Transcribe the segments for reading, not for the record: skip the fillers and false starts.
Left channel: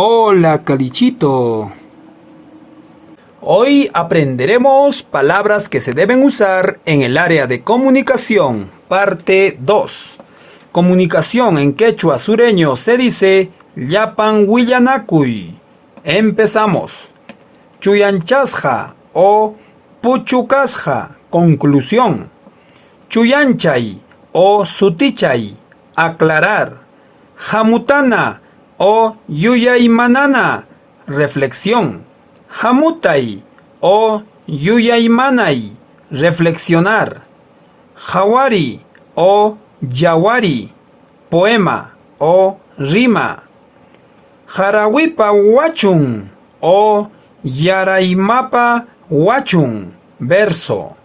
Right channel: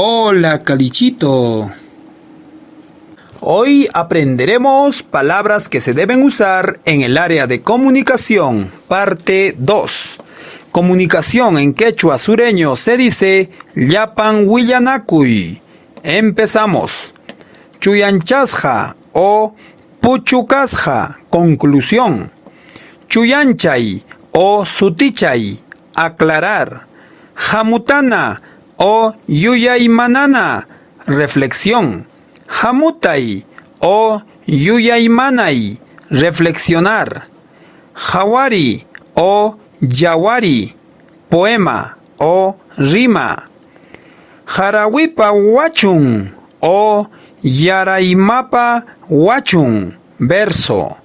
Hola, Calichito. Hoy aprenderemos palabras que se deben usar en el área de comunicación, parte 2. Comunicación en quechua sureño se dice Llapan Willanakuy. Empezamos. Chuyanchasja o Puchukasja, conclusión. Chuyanchay o Sutichay, aclarar. Jamutana o Yuyaymanana, reflexión. Jamutay o Yuyaymanay, reflexionar. Jawari o Yawari, poema o rima. Jarawipa Wachun o Yaraimapa Wachun, verso.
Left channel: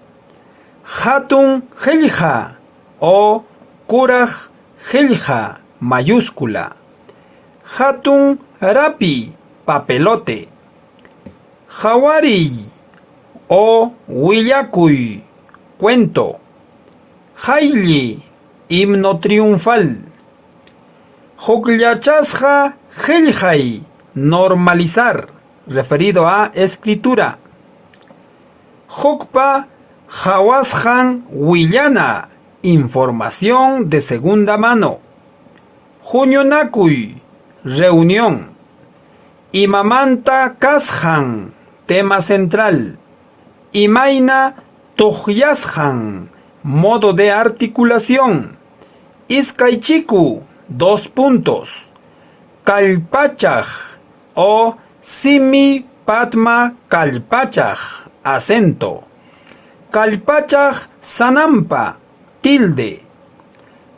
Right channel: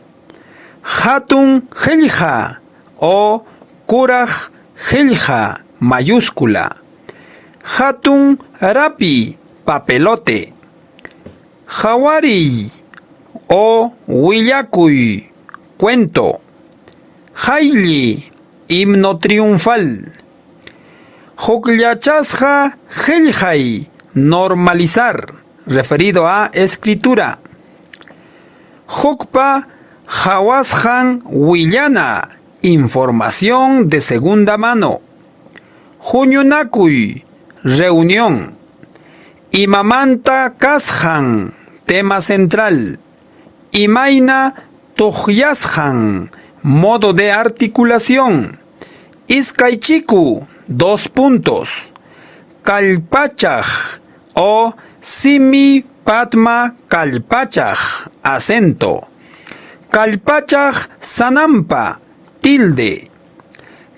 Hatun Helja o Kuraj Helja, mayúscula. Hatun Rapi, papelote. Jawari o Willakuy, cuento. Hailli, himno triunfal. Juklachasja Heljay, normalizar, referido a escritura. Jukpa Hawasjan Willana, información de segunda mano. Juñunakuy, reunión. Imamanta Kasjan, tema central. Imaina Tujyasjan, modo de articulación. Iskaychiku, 2 puntos. Kalpachaj o Simi Padma Kalpachaj, acento. Kalpachaj Sanampa, tilde.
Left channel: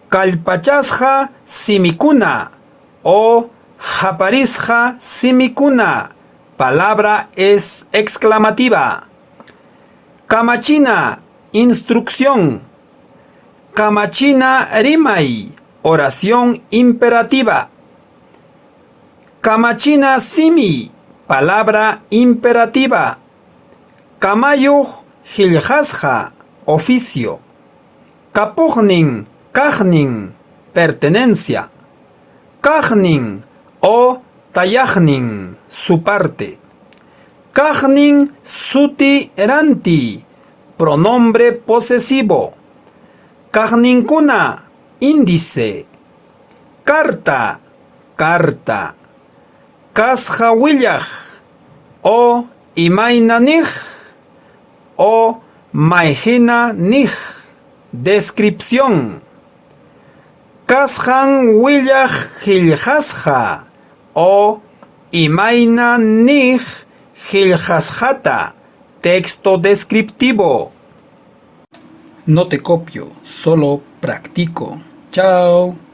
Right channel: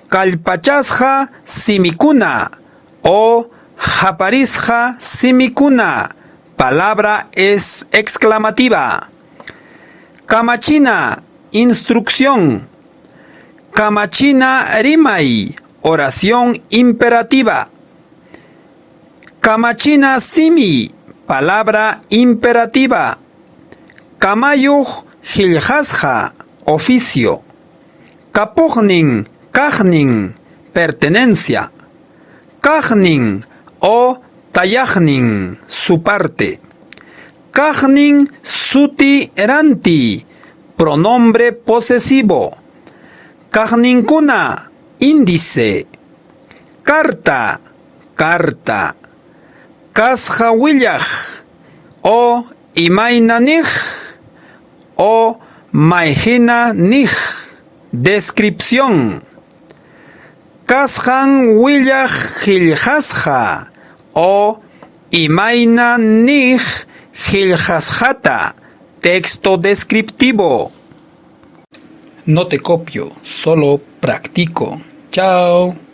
Kalpachasja Simikuna o Japarisja Simikuna, palabra es exclamativa. Kamachina, instrucción. Kamachina Rimay, oración imperativa. Kamachina Simi, palabra imperativa. Kamayuj Hiljasja, oficio. Kapujnin, Kajnin, pertenencia. Kajnin o Tayajnin, su parte. Kajnin Suti Eranti, pronombre posesivo. Kajninkuna, índice. Carta, carta. Kasjawillaj o Imainanij o Maijina-nij, descripción. Kasjan Willaj Hiljasja o Imaina-nij Hiljasjata, texto descriptivo. No te copio, solo practico. Chao.